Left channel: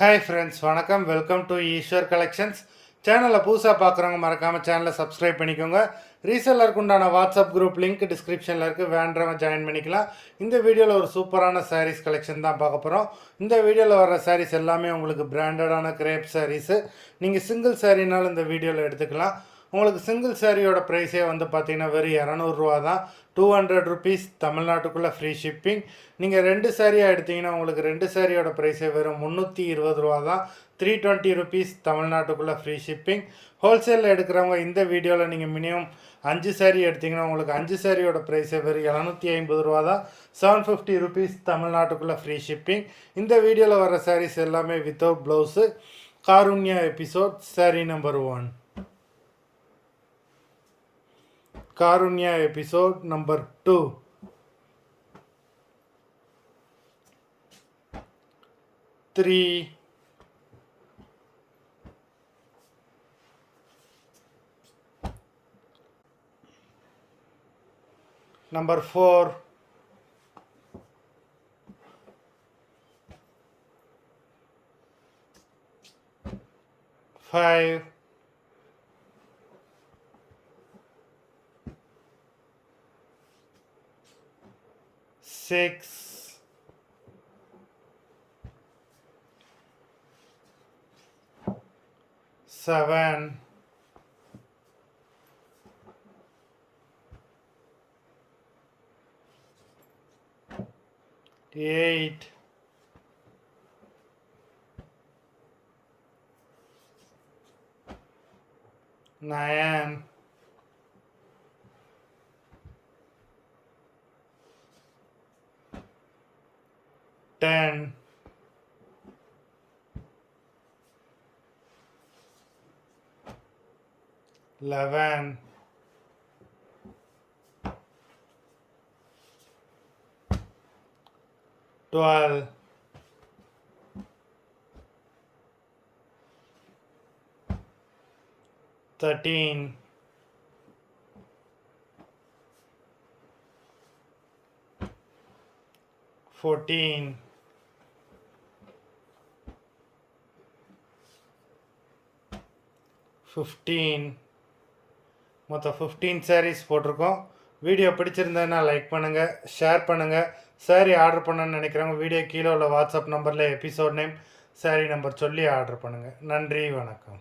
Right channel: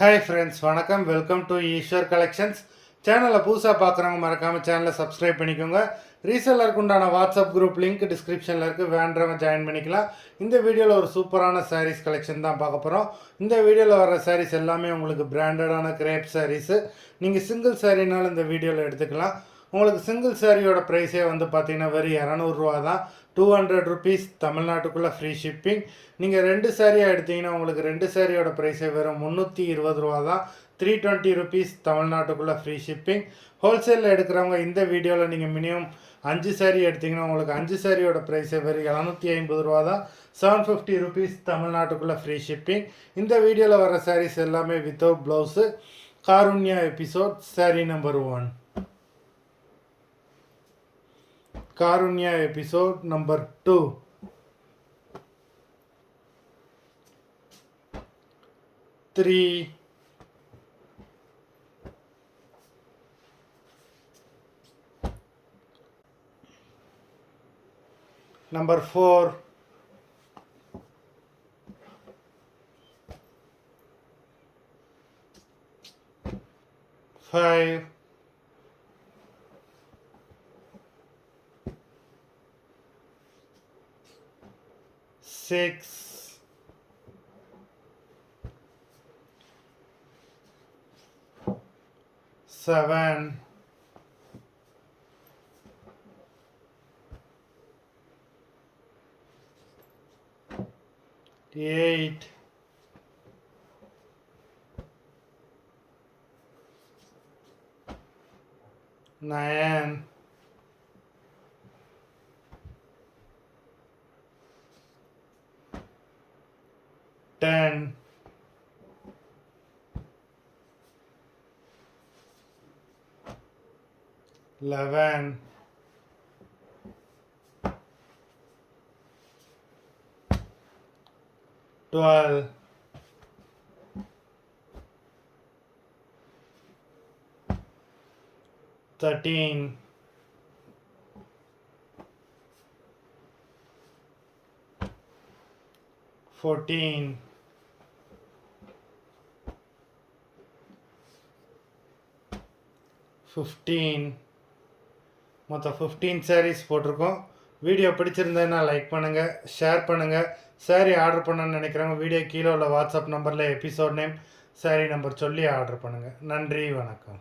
Hi friends, வணக்கம். Welcome to Eswar collections. சேனலில் புதுசாக பார்க்குறவங்க மறக்காமல் சேனலை சப்ஸ்கிரைப் பண்ணிக்கோங்க. ரீசெல்லருக்கு உண்டான வாட்ஸ்அப் குரூப் லிங்க் டிஸ்கிரிப்ஷனில் இருக்குது, வேண்டவங்க ஜாயின் பண்ணிக்கலாம். இந்த வீடியோவில் ஒரு சூப்பரான சாரீஸ் கலெக்ஷன் தான் பார்க்க போகிறோம். இந்த வீடியோவில் வர சாரீஸ் எல்லாமே உங்களுக்கு பிராண்டடான கிரேப் சாரீஸு. நீங்கள் சிங்கிள் சாரீனாலும் இந்த வீடியோவில் எடுத்துக்கலாம். உங்களுக்கு சிங்கிள் சாரியோட ப்ரைஸே வந்து பார்த்தீங்கன்னா வெறும் 200 தான். 200 ருபீஸ், தமிழ்நாட்டுக்குள்ளே ஃப்ரீ ஷிப்பிங். நீங்கள் 2 சாரியாக எடுத்திங்கன்னா உங்களுக்கு 2 சாரியோட ப்ரைஸே வெறும் 320 தான். 320 ருபீஸ், தமிழ்நாட்டுக்குள்ளே ஃப்ரீ ஷிப்பிங். ஹோல்சேலில் எடுக்கிறவங்க இந்த வீடியோவில் நீங்கள் மினிமம் 5 சாரி எடுத்திங்கன்னா உங்களுக்கு 5 சாரியோட ப்ரைஸே வெறும் 750 தான். 750 ருபீஸ், தமிழ்நாட்டுக்குள்ளே ஃப்ரீ ஷிப்பிங். இந்த வீடியோவில் வர சாரீஸ் எல்லாமே without blouse. Karunya episode sorry number 1. Karunya episode number 2. 3. Number 4. 5. 6. 7. 8. 9. 10. 11. 12. 13. 14. 15. மொத்தம் 15 சாரீஸ் போட்டிருக்கோம். வீடியோ பிடிச்சிருந்ததுன்னா லைக் பண்ணுங்கள், ஷேர் பண்ணுங்கள். சாரீ ஆர்டர் பண்ணணும்னு நினைக்கிறவங்க வீடியோ கீழே உள்ள வாட்ஸ்அப் நம்பரில் எபிசோட் நேம், சாரீ நம்பர் சொல்லி ஆர்டர் பண்ணுங்கள். நன்றி, வணக்கம்.